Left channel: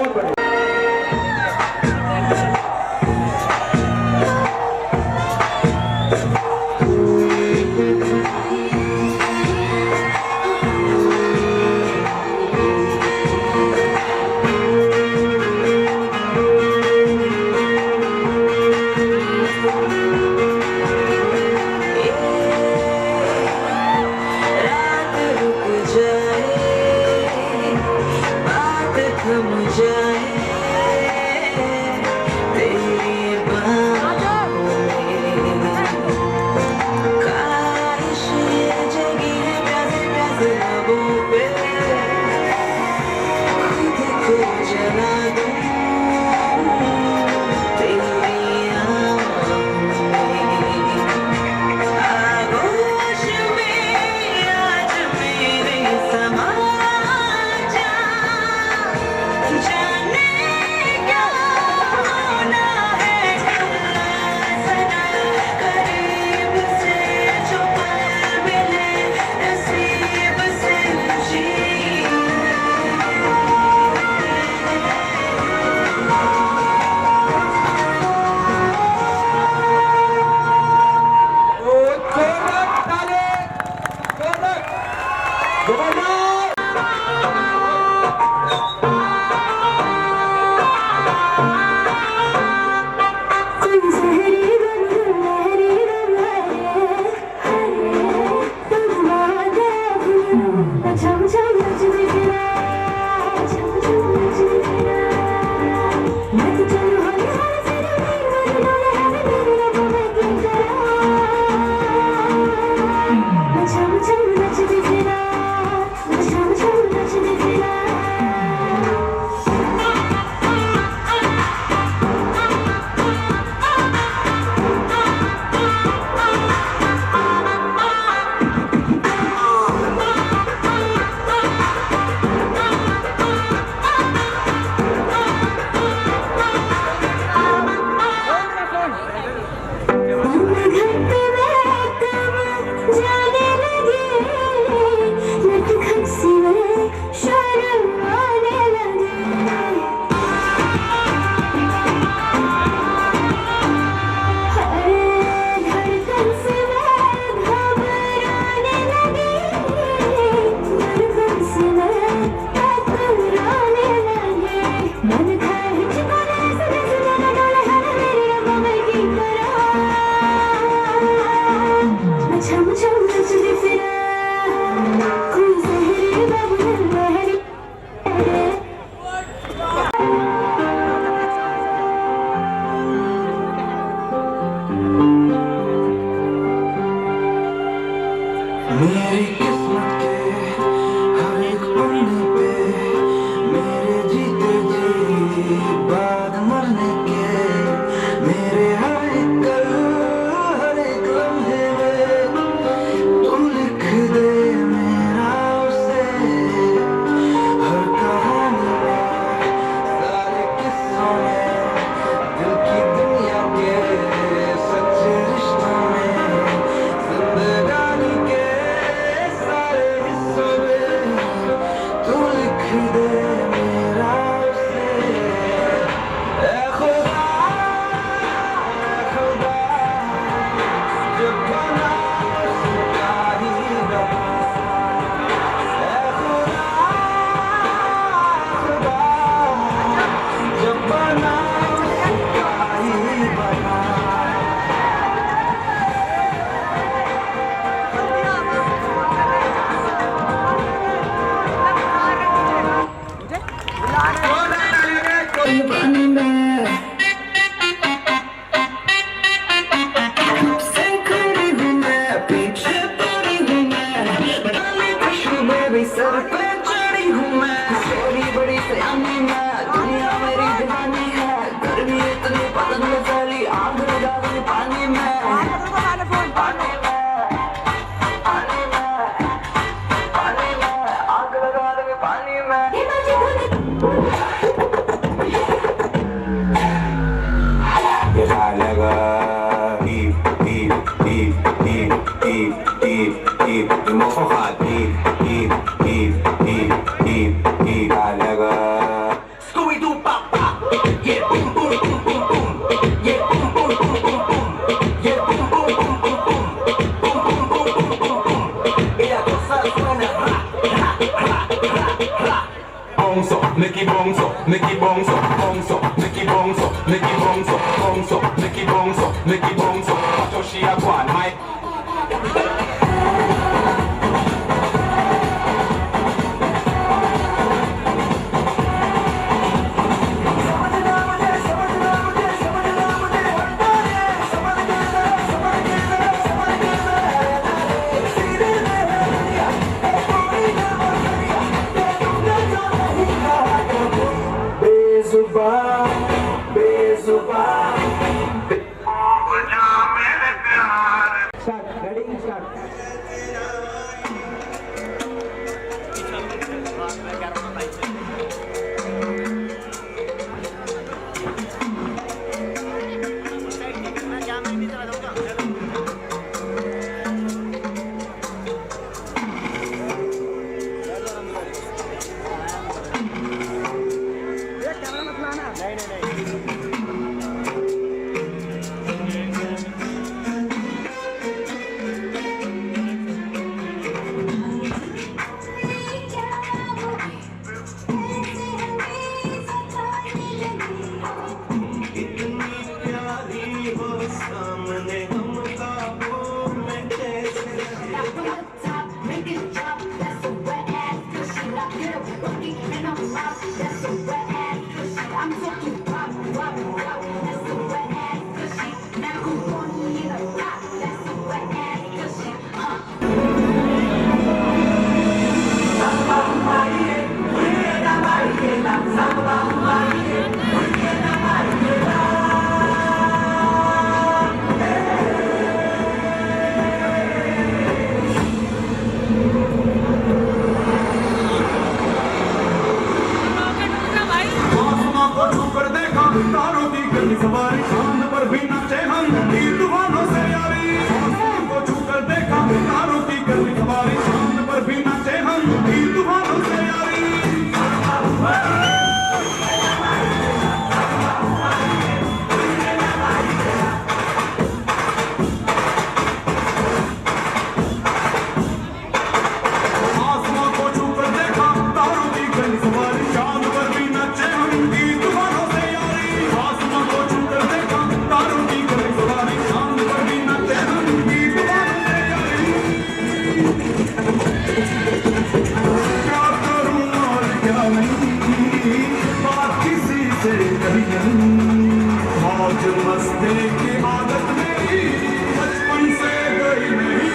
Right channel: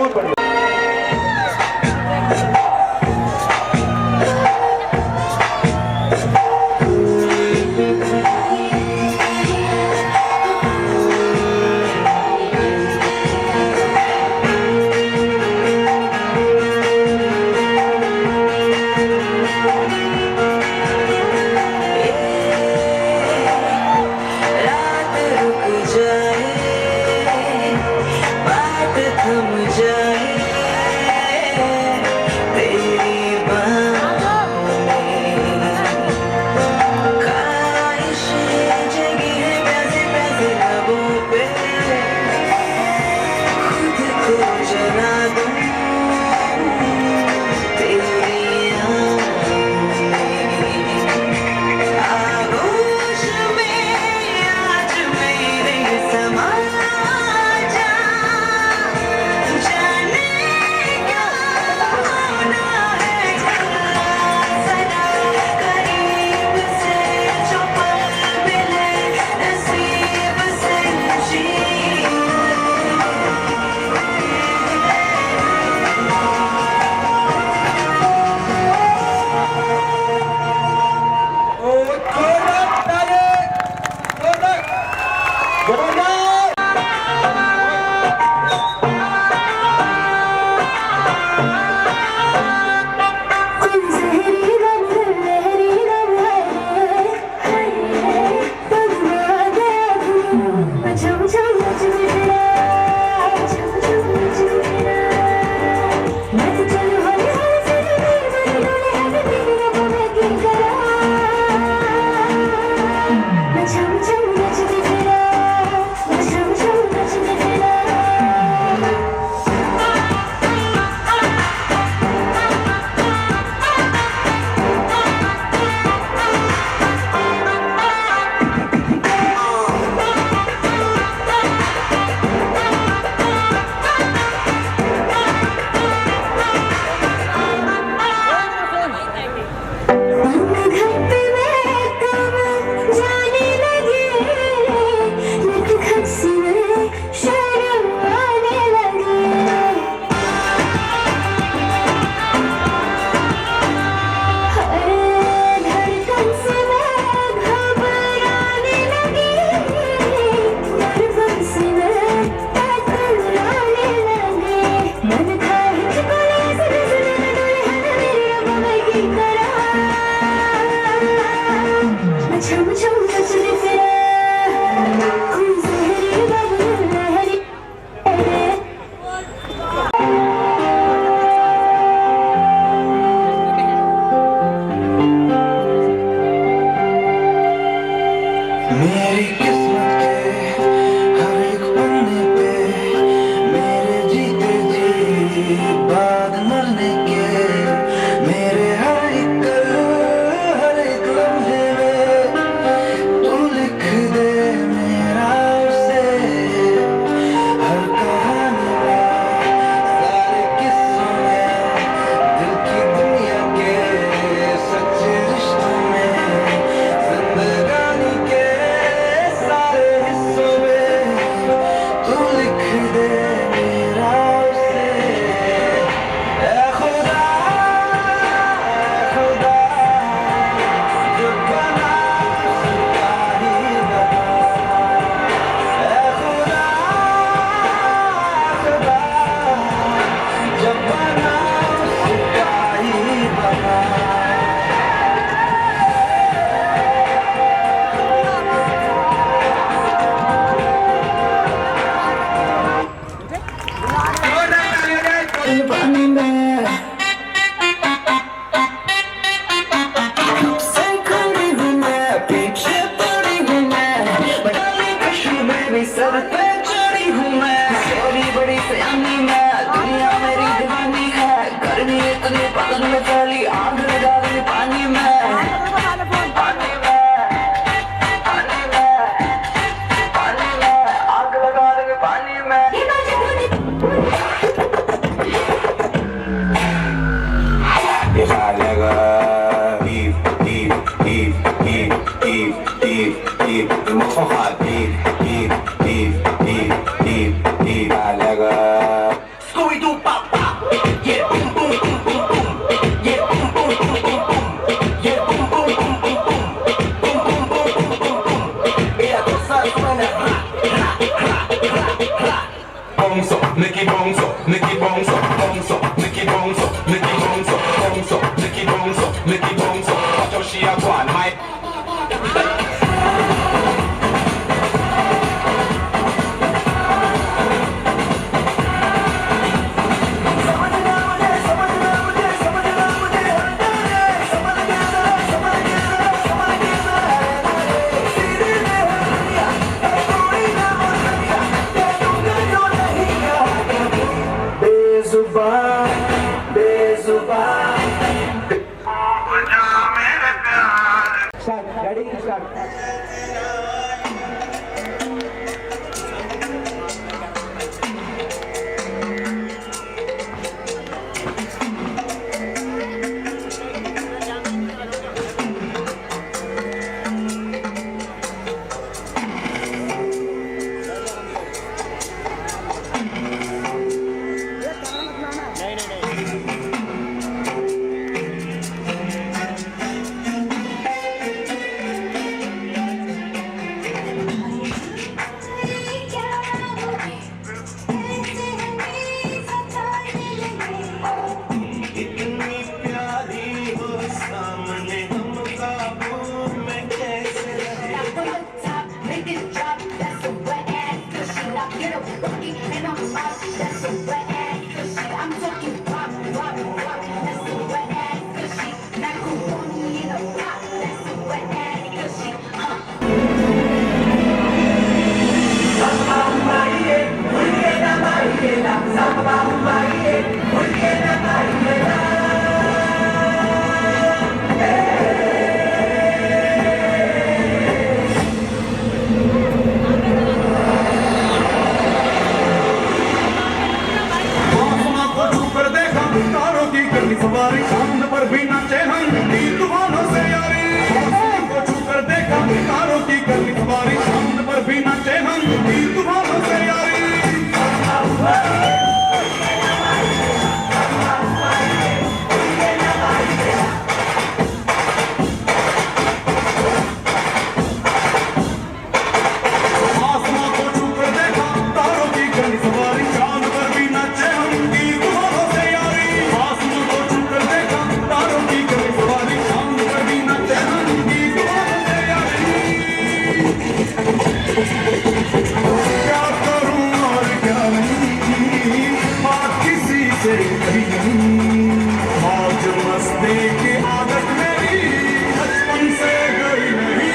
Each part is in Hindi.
बहुत बढ़िया। मेरी किस्मत के हर एक पन्ने पे मेरे जीते जी बाद मरने के मेरे हर एक लम्हे में तू लिख दे मेरा उसे हर कहानी में सारे किस्सों में दिल की दुनिया के सच्चे रिश्तों में जिंदगानी के सारे हिस्सों में तू लिख दे मेरा उसे ऐ खुदा जो बना उसका ही बना ऐ खुदा जो बना उसका ही बना पानी में से खड़ी हूँ मैं पीछे पड़ी हूँ मैं बनाने खुशी में भी सर पे चढ़ी हूँ मैं तेरी बड़ी सयानी मैं दुनिया मेरी दीवानी है गर्मी इतनी पतन में फैली आग लगा दी पानी में आग लगा दी पानी में Scooby-Doo pop pop. Yeah, boom boom boom boom boom. Yeah, boom boom boom boom boom. Yeah, boom boom boom boom boom. Boom boom boom boom boom boom. Ella cosa suena ra ra ra ra ra. Bonzo, Nicky Bonzo, Nicky Bonzo, Bonzo, Nicky Bonzo, Nicky Bonzo, Bonzo, Nicky Bonzo, Nicky Bonzo. Watch how she a go on, mate. सवारी चांद पर भी नाचे हम दीवानों से यारी को छू कर देखा कारों की गर्मी सवारी चांद पर भी नाचे हम दीवानों से यारी आसमां को छू कर देखा तारों की गर्मी सवारी चांद पर भी नाचे हम दीवानों से यारी आसमां को छू कर देखा तारों की गर्मी सवारी चांद पर भी नाचे हम दीवानों से यारी क्या करूं और क्या नहीं बात किसी से कभी नहीं आज मस्ती की आदत मेरी बचपन से गई नहीं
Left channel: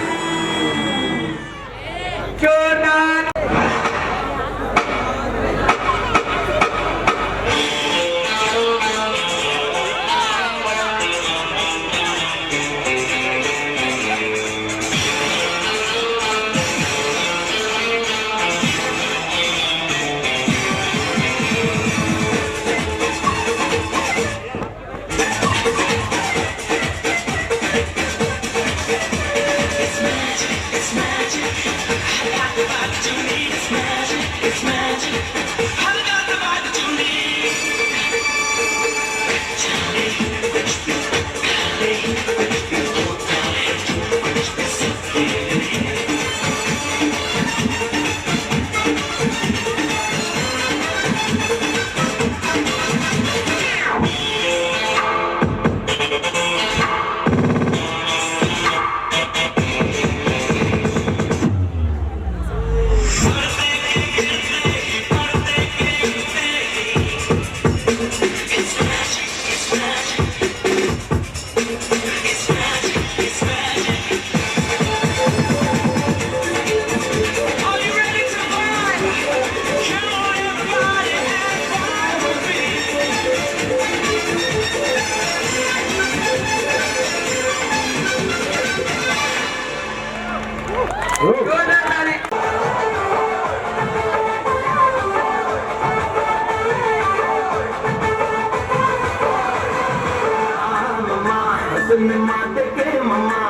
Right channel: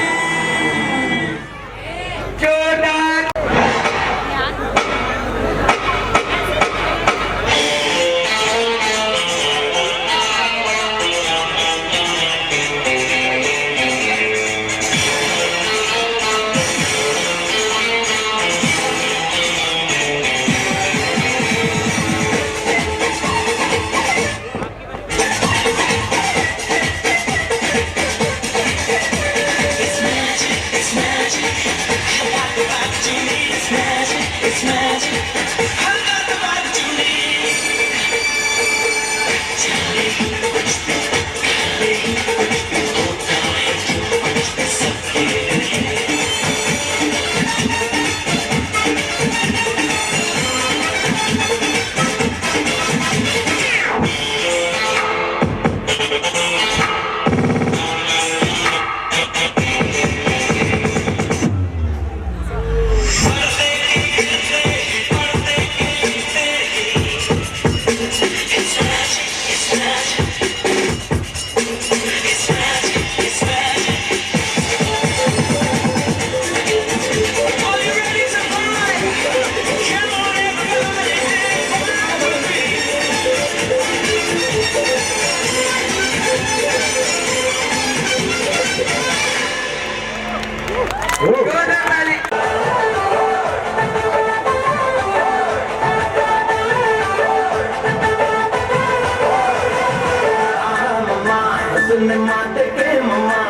माते के मम्मा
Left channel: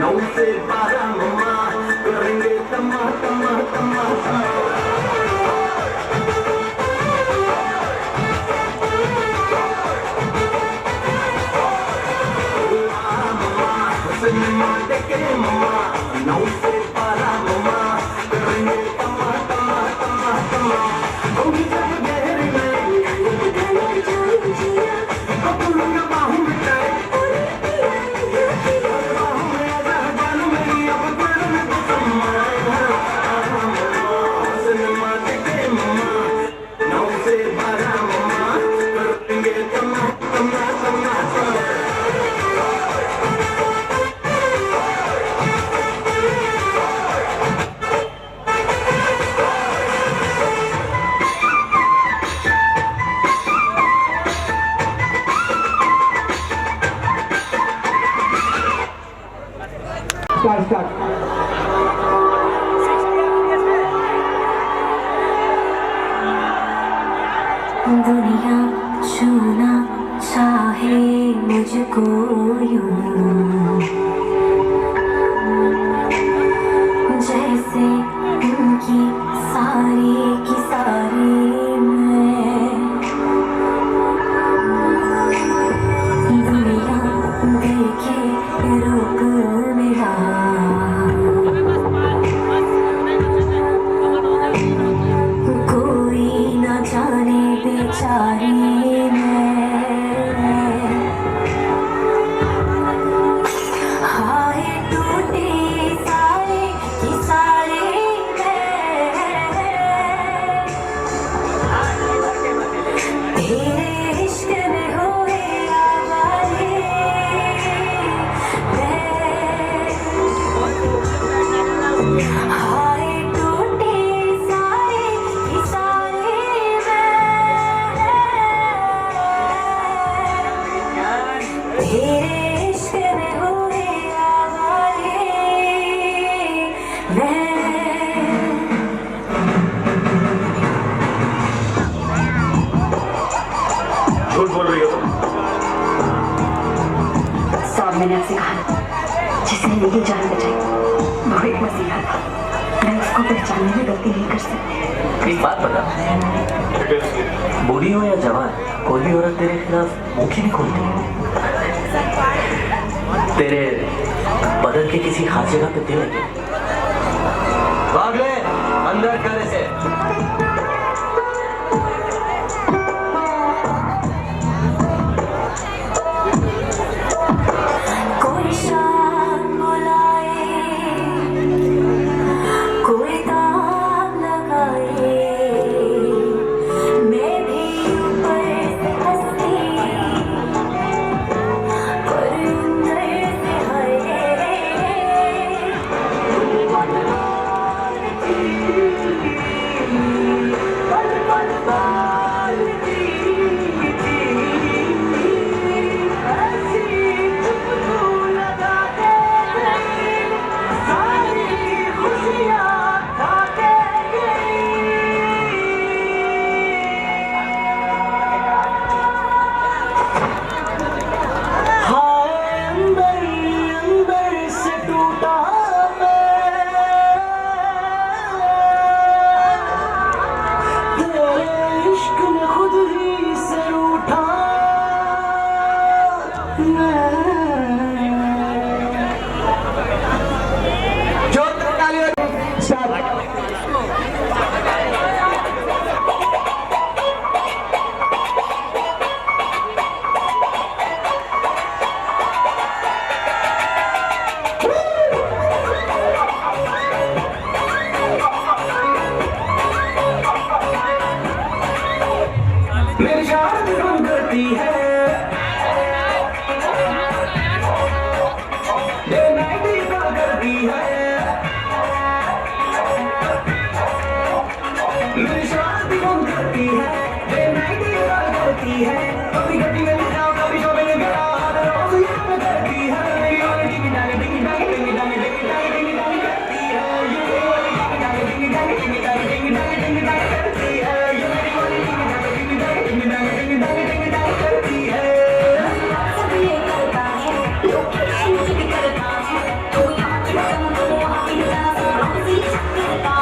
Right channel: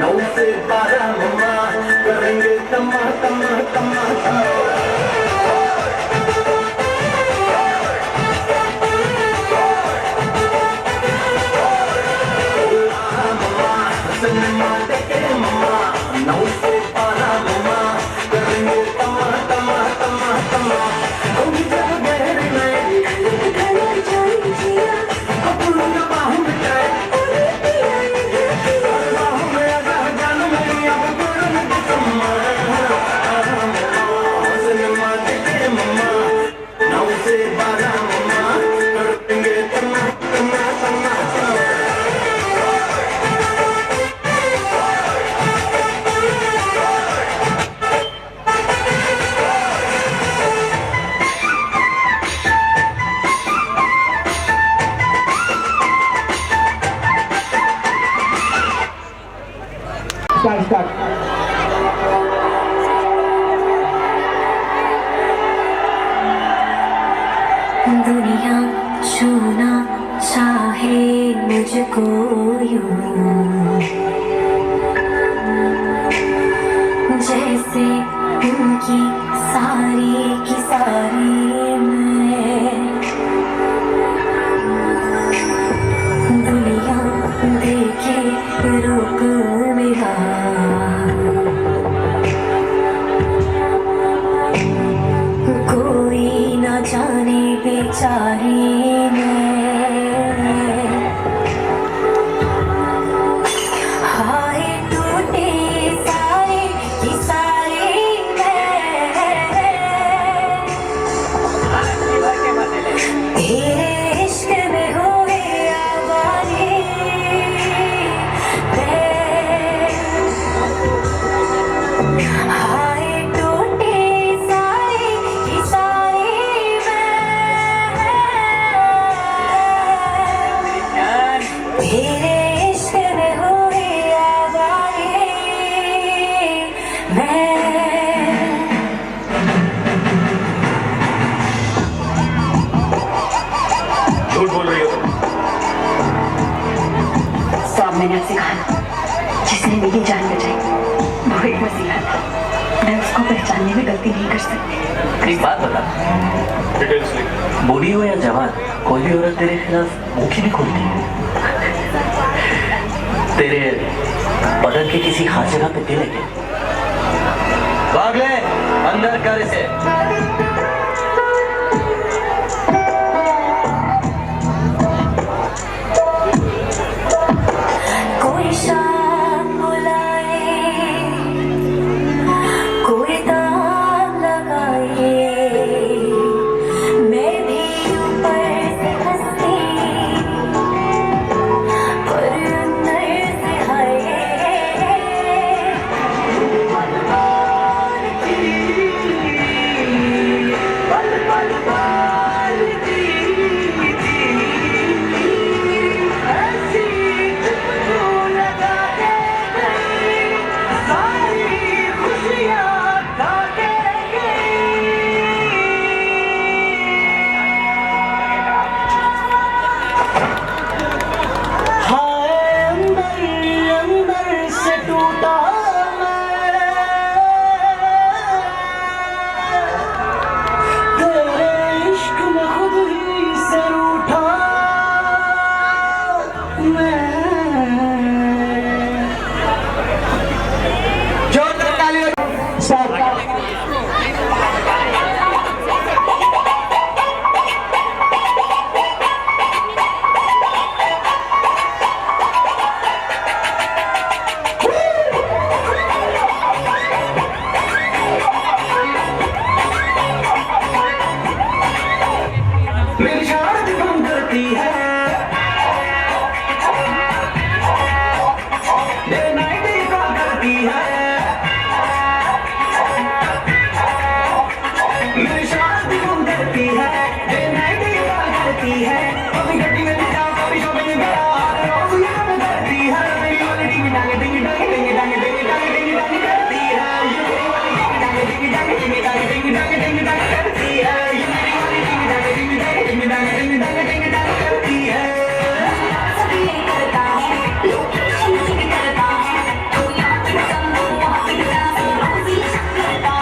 9 से 12 मम्मा करेंगे तमा तमा तमा दुनिया छूना चाहे मुझको यूं जैसे उनकी सारी की सारी मैं दुनिया देखे रूप मेरा कोई न जाने बेचारी हाय टूटे सारे की सारे तेरे इश्क में हुए आवारे हाय टूटे सारे की सारे तेरे इश्क में हुए आवारे मैं झूठ बोल रही हो। सब मैंने सिखाया जिसने मेरी जान बचाई वो एक वसीला था मैं उसको पहचानने में गलती नहीं कर सकती एक बात बता, डिटेल्स लिख। बूढ़ी हो या जवान, कोई भी औरत तेरे खिलाफ मुख ही नहीं खोलती। तेरे बदन की किसी खास जगह पे दिल है। भाग ले अंदर कर इसे। कोई शाम बुलाए कोई दाम लगाए मैं भी ऊपर से हंसती और अंदर से हाय मेरी शादी कौन करती है डे नाइट ही कॉल करती है मेरी शादी कौन करती है डे नाइट ही कॉल करती है कभी गड्डी में जाओ कभी शॉपिंग करो रोज ये काम करती है ये वाली डिंग डांग डिंग डांग डिंग डांग डिंग डांग डिंग डांग करती है ये वाली डिंग डांग डिंग डांग डिंग डांग डिंग डांग करती है ये मेरी वाली डिंग डांग डिंग डांग डिंग डांग डिंग डांग डिंग डांग करती है सभी करता है लोग भी करता है कोई आपकी पसंद हो आपकी पसंद रोज ही करता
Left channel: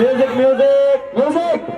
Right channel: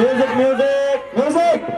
म्यूजिक म्यूजिक म्यूजिक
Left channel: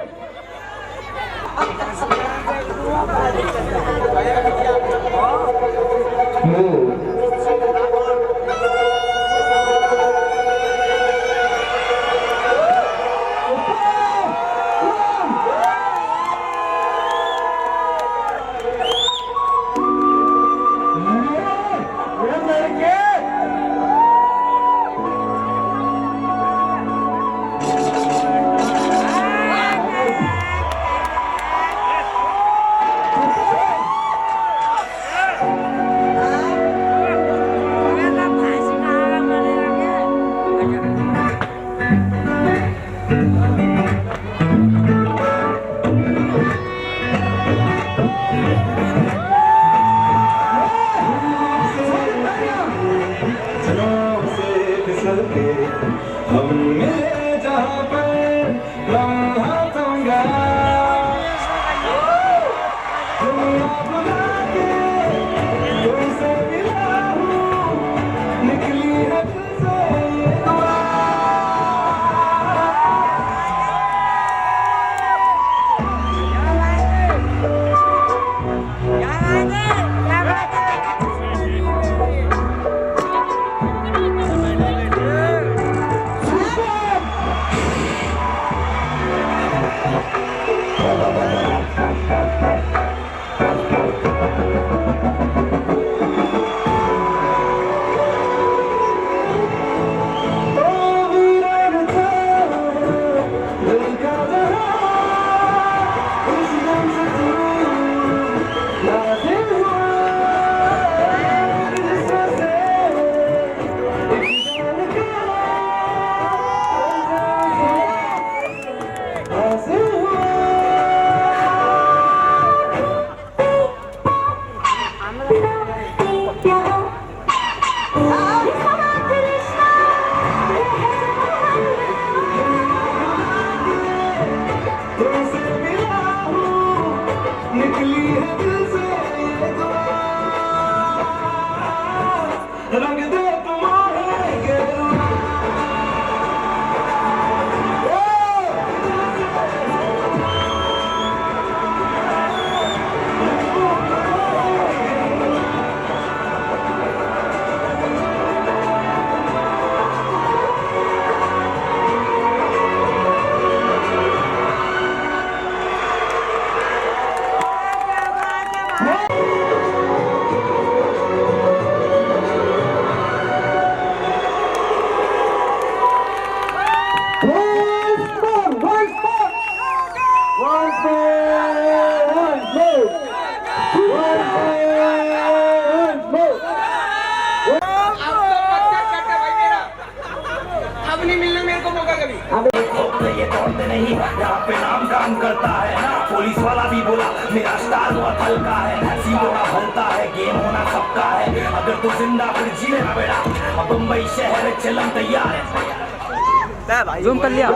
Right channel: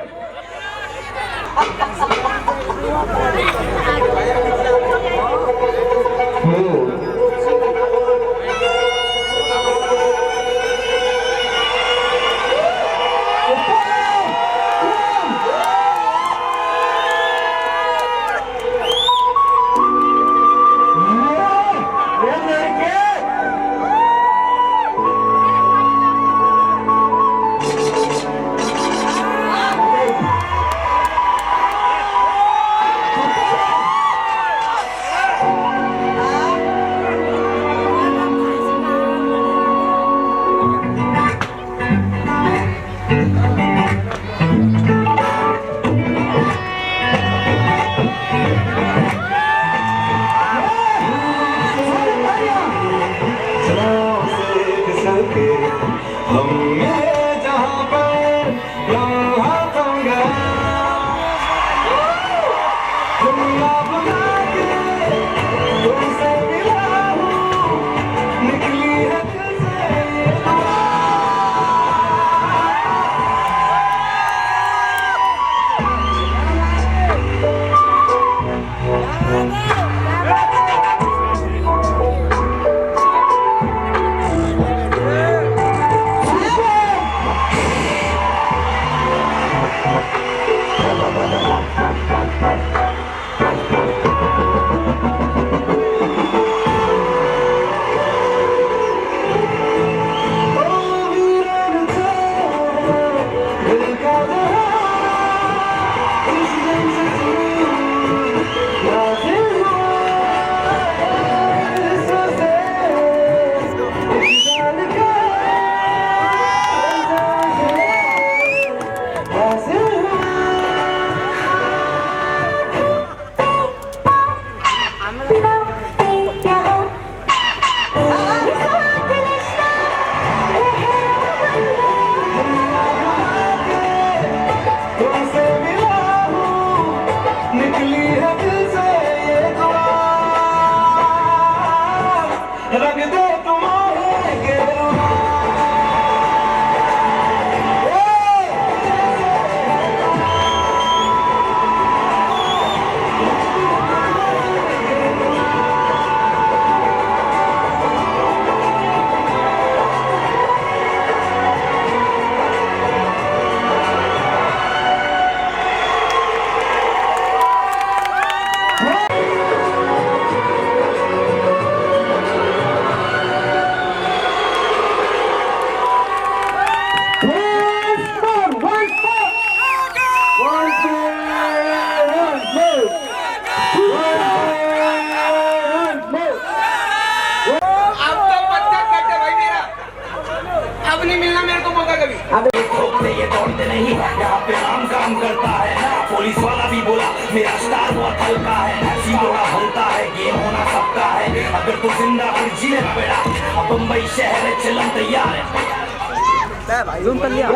ये दौड़ते नहीं यहाँ पे नाम काम करता है पुलिस वाला भी बोला मेरा स्टार बहुत हल्का है सीधा भरता है गेम होना सबका है अगर तू जिंदा फिर जीने ना बेटा अब मुंबई शहर है चलन तैयार है जूम कर लिया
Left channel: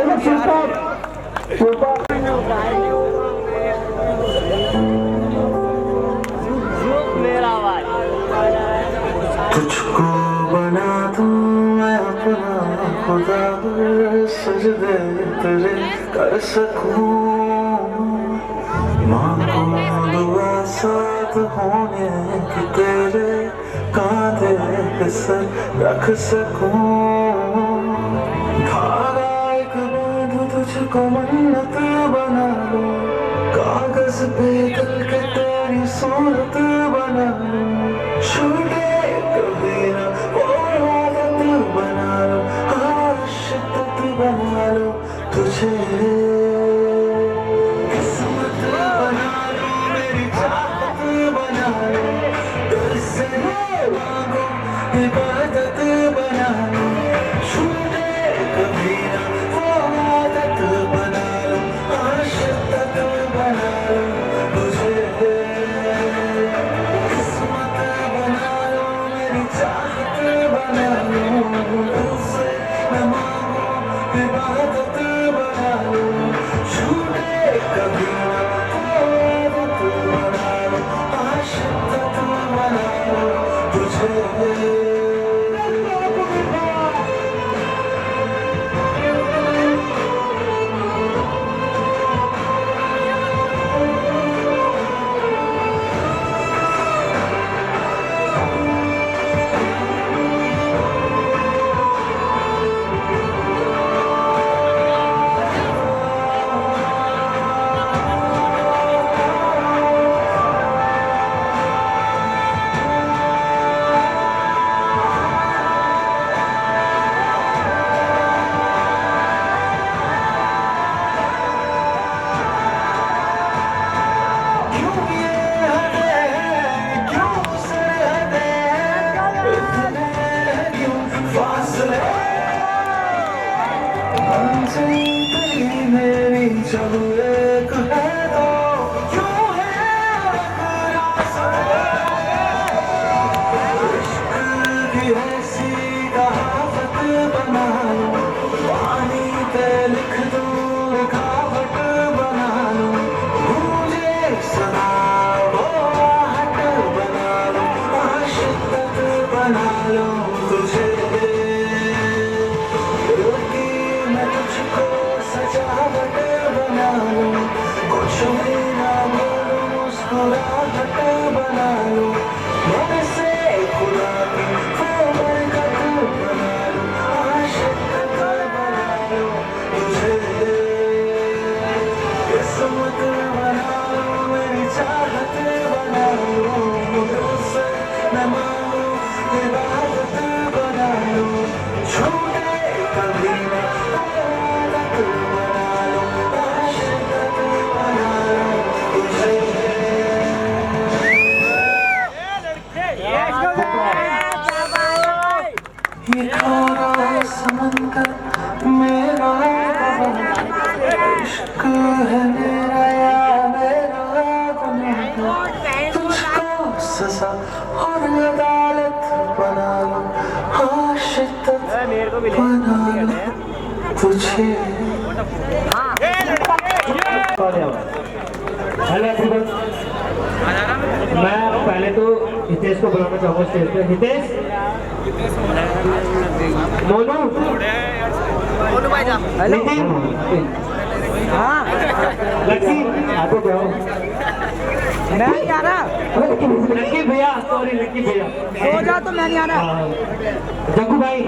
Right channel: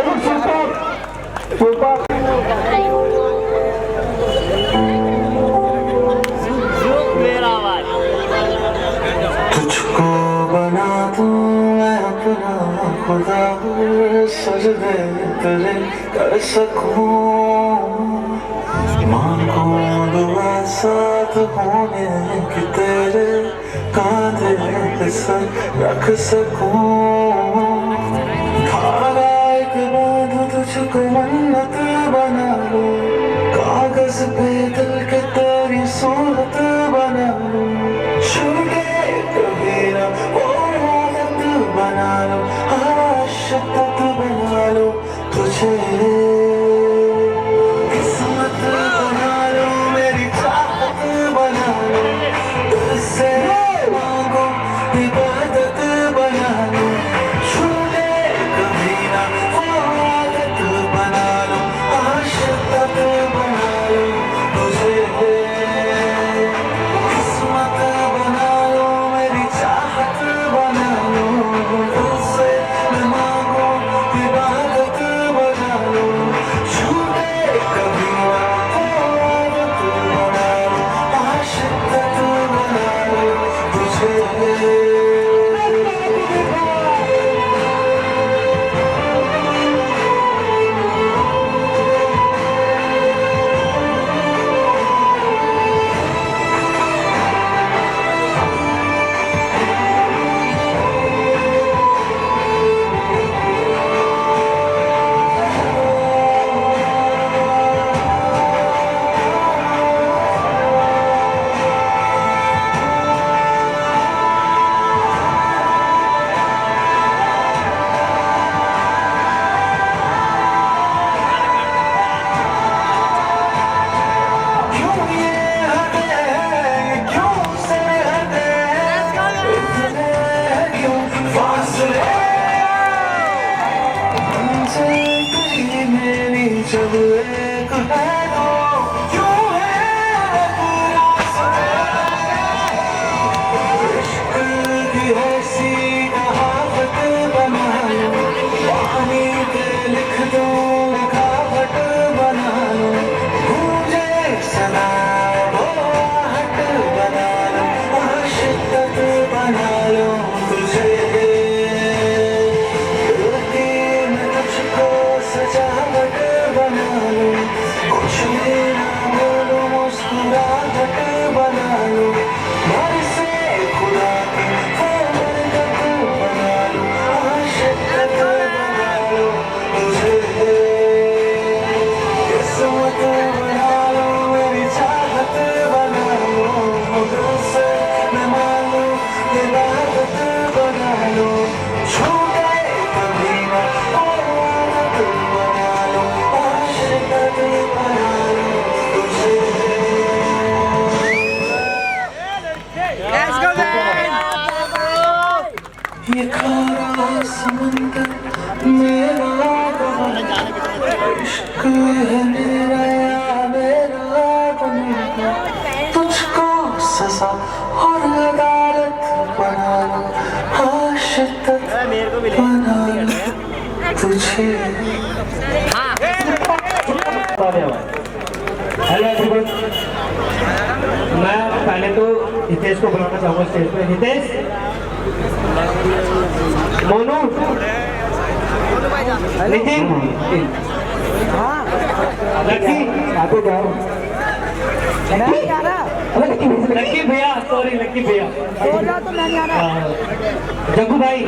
मेरा आवाज तुझको बना दूं मैं अपना खुदा सजदे तेरे कर सकूं मांगो दुआ साथ होने की तेरे कांधे पे सर रख सकूं धारा एक बांधू तुझको मन्नत बना लूं कागज पे दिल के तेरी सूरत बना लूं छूटे कभी ना वो आदत बना लूं आशिक बना लूं तुझे किस्मत बना लूं मेरी चाहत बना लूं दिल से मांगो इबादत बना लूं छूटे कभी ना वो आदत बना लूं आशिक बना लूं तुझे जिंदगी मेरी जब एक है तो क्यों है इश्क की ऐसी कहावत बना लो, पानी पे लिख दो लिखावट बना लो, मुझे सना वो आहट बना लो, आशिक बना लो तुझे, मैं तुझको सजावट बना लो, कुछ भी ना बोलो मुस्कुराहट बना लो, घर से खुला के बरकत बना लो, आशिक बना लो तुझे, किस्मत बना लो मेरी चाहत बना लो, दिल से मैं मांगू इबादत बना लो, छूटे कभी ना आदत बना लो, आशिक बना लो तुझे। ये खारा है समंदर मेरा बहाना, इश्क है मेरा बनेगा, तुझको सजा और अदालत बना लो, आशिक बना लो तुझे। हेलो एवरीवन, मैं पहले तो हितेश को बुलाना चाहूँगा स्टेज पे। हितेश, मोनू, नितिन, लक्की, आगे जाओ। लक्की भैया, सॉरी लक्की भैया, हो जा तो मैं नहीं आ रहा। जग्गू भाई,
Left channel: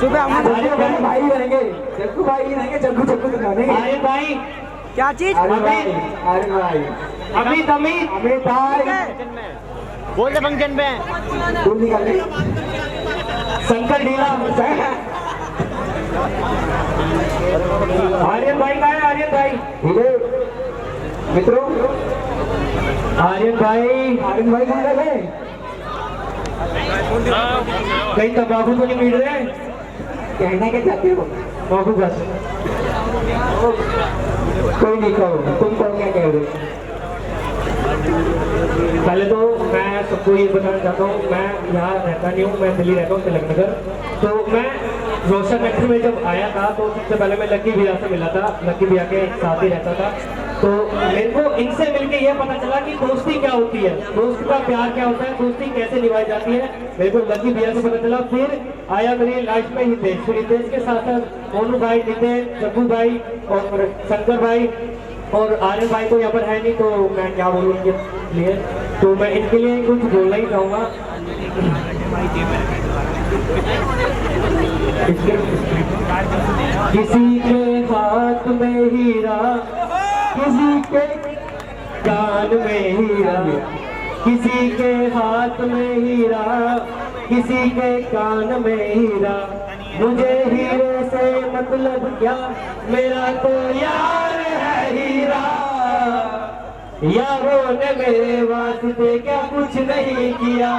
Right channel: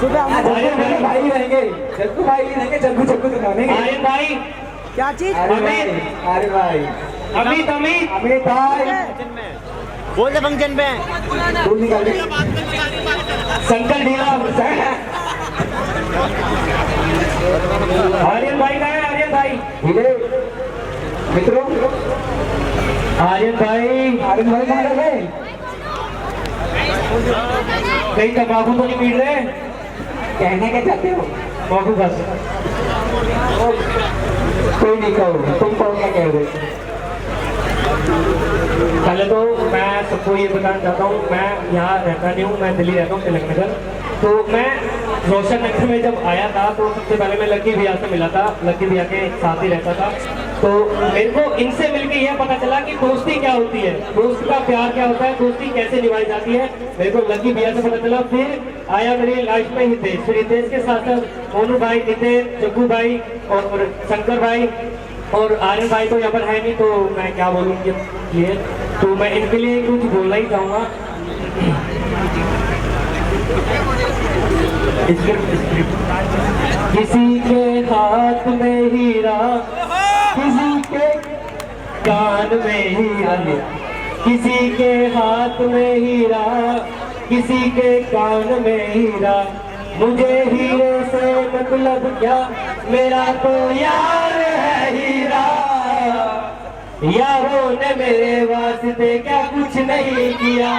सुबह आर्यन भाई रहेंगे, जग्गू भाई रहेंगे, जग्गू जग्गू दिखाने, आर्यन भाई, क्या चीज? आर्यन भाई, अमित अमित अमित भाई, बोल दे फंक्शन पे शंकर ढीला, आर्यन भाई का है, आर्यन भाई मित्रों, आर्यन भाई कहाँ गए? कहीं तंबाकू तो नहीं पीट रहे? कहना क्या चाहते हो? बाबू बस कोई नहीं कहो, तुम कहो क्या कह रहे? पहले तो मैं सबको ये बताना चाहता हूँ, मैं यहाँ रहता नहीं हूँ, मैं दिल्ली रहता हूँ, तिलक नगर। तो मैं रोशन नगर में जब आया था तो सबसे पहले मैं लक्की भैया से मिला था, लक्की भैया के साथ ही रहता था। तो मेरे को इनसे मिलके यह पता चला कि दोस्ती क्या होती है, दोस्त का प्यार क्या होता है, दोस्ती कैसे निभाई जाती है, मेरे को लक्की भैया से पता चला। फिर आया मेरी लाइफ में हितेश, फिर हितेश के साथ साथ मोनू भाई, नितिन, जग्गू भाई और शंकर भाई और आर्यन भाई तो यहाँ पर है नहीं, तो मैं क्या बोलूँ इनके लिए, तो मैं इनके लिए कुछ बोलना ही चाहूँगा। किसी के हाथ में हीरा, किसी के कान में हीरा, किसी के हाथ में हीरा, किसी के कान में हीरा, मुझे हीरे से मतलब क्या, मेरा तो यार है हीरा। यारों ने मेरे वास्ते क्या कुछ नहीं किया,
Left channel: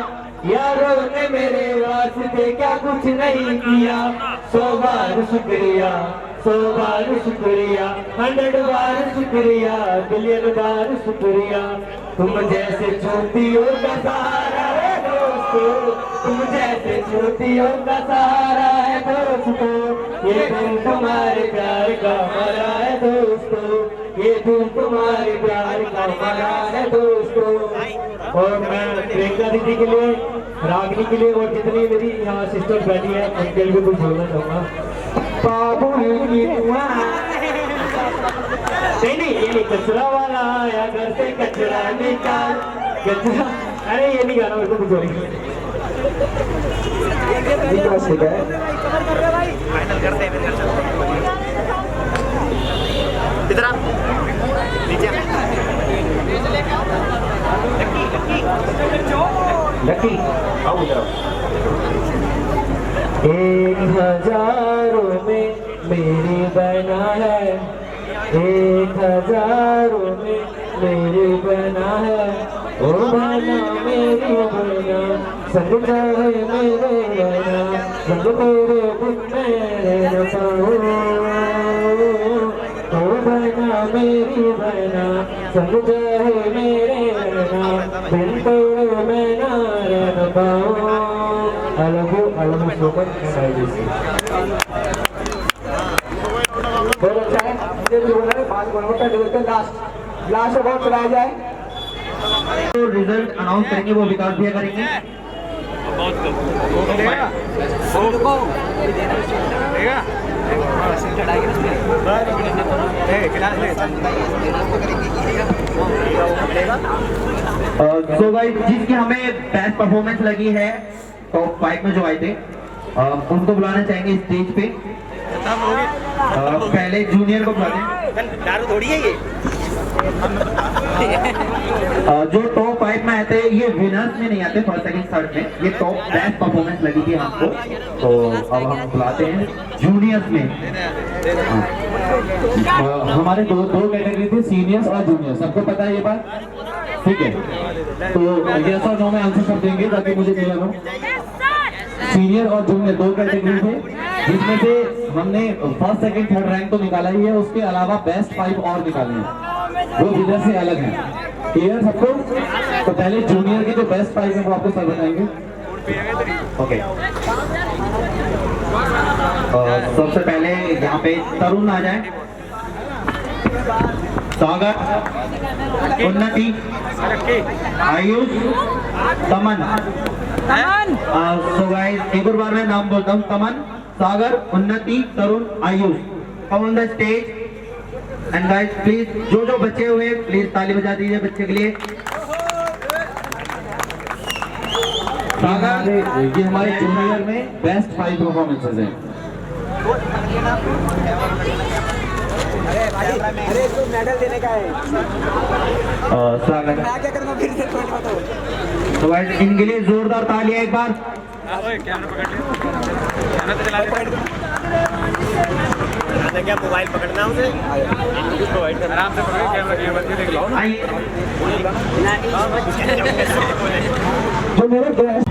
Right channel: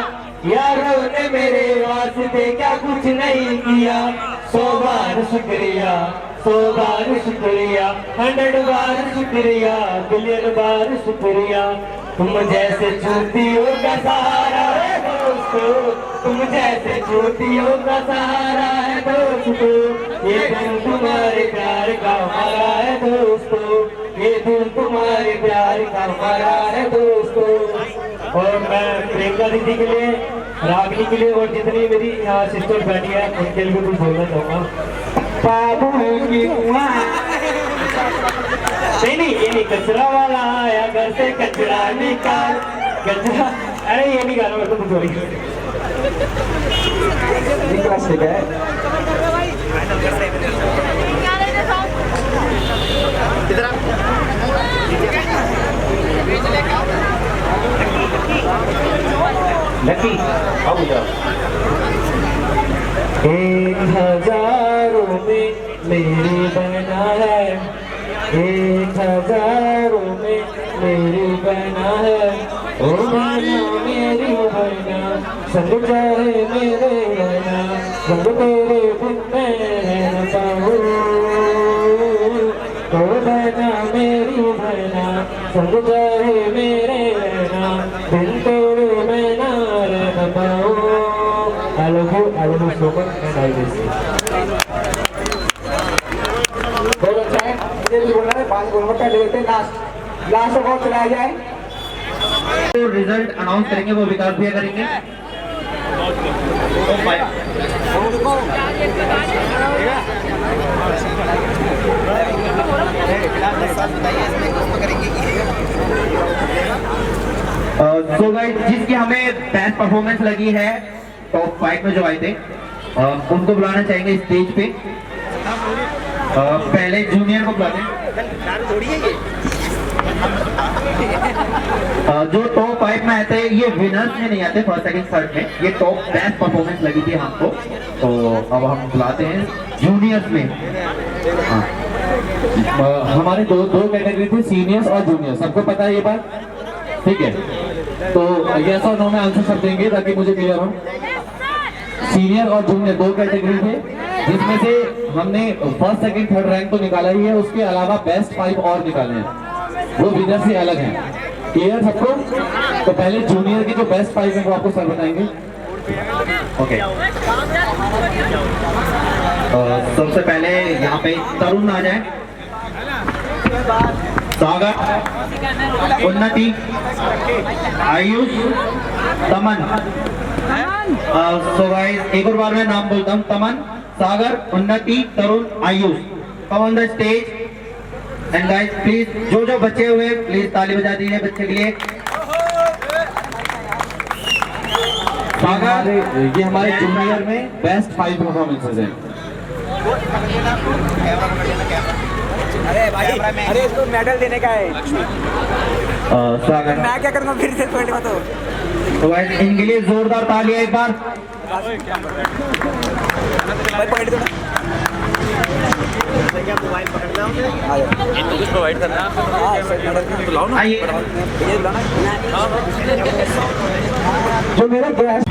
यारों ने मेरे वास्ते क्या कुछ नहीं किया, 100 बार शुक्रिया, 100 बार शुक्रिया, 100 बार शुक्रिया, बिलियन बार शुक्रिया। तुम जैसे छोटियों का सहारा है दोस्तों, तुम जैसे छोटियों का सहारा है दोस्तों, ये दिल तुम्हारे प्यार का हमारा है दोस्तों, ये दिल तुम्हारे प्यार का हमारा है दोस्तों। और मैं प्रियंका दीदी के लिए, रागिनी के लिए और जितनी मेरी यहाँ सिस्टर बैठी है उनके लिए कुछ बोलना चाहूँगा। बाबू की नहीं, ये कचरा वाला आया घर से कचरा निकाल, कचरा, अरे ये नहीं गाना, मेरे को कुछ ठीक है। लकी आओ बेटा। 1000 में मेरी बना है, 1000 में मेरी बना है, ओ बना मेरी बना, संग चाहे मेरे बना, संग तेरे बिन मैं न पाऊं। संग जाए मेरे नैना दिल तोड़े मैं ना रह पाऊं I love you so much and I miss you बहुत अच्छा है ये लोगों ने बात गुणवत्ता देखते लास्ट लास्ट अवार्ड चलाया जाए जो रिजल्ट अनाउंस करेंगे वो विकास भैया करेंगे। सो गाइस जिसकी हमें बेस्ट परफॉर्मेंस लगी है टॉप 5 में जो आए थे उनको बुलाना चाहेंगे स्टेज पे। पहले जूनियर को बुलाते हैं। जो टॉप 5 में आए थे ये विनर्स में नहीं आते, फर्स्ट सेकंड थर्ड में, ये टॉप बेस्ट परफॉर्मेंस लगी थी हमको। तो अब हम बुलाते हैं जूनियर्स में। हमारे दो कैटेगरी थी सीनियर्स और जूनियर सबको पता है ये बात ठीक है तो यस और नो में आंसर सब देंगे ताकि मुझे क्लियर हो सीनियर और जूनियर दो कैटेगरी थे जिसमें से हमने फर्स्ट सेकंड थर्ड रैंक तो निकाला ही है उसके अलावा बेस्ट 5 और निकाले हैं वो विनर से अलग हैं क्लियर सबको तो पहले जूनियर के जो बेस्ट 5 है वो आपको सर बताएंगे ओके सबसे पहले यहाँ पे तरुण आ जाए, सागर, उन्नति, आयुष, तमन। सो गाइस एक और बार मैं नाम बोलता हूँ, Taman, Sagar, Unnati, Tarun, Ayush. Come on the stage and guys please जो बच्चे हुए प्लीज ताली बजा दीजिए बच्चे के लिए। सागर ये हमारे जूनियर में बेस्ट 5 परफॉर्मेंसेस हैं अरे इसको मेडल देने का है सागर मैं क्या करूँगा फिर से पॉइंट बताओ तो गाइस इनके लिए जोरदार तालियां एक बार। मोबाइल पकड़ना प्रोवाइड करना आइए जो मेरे गेस्ट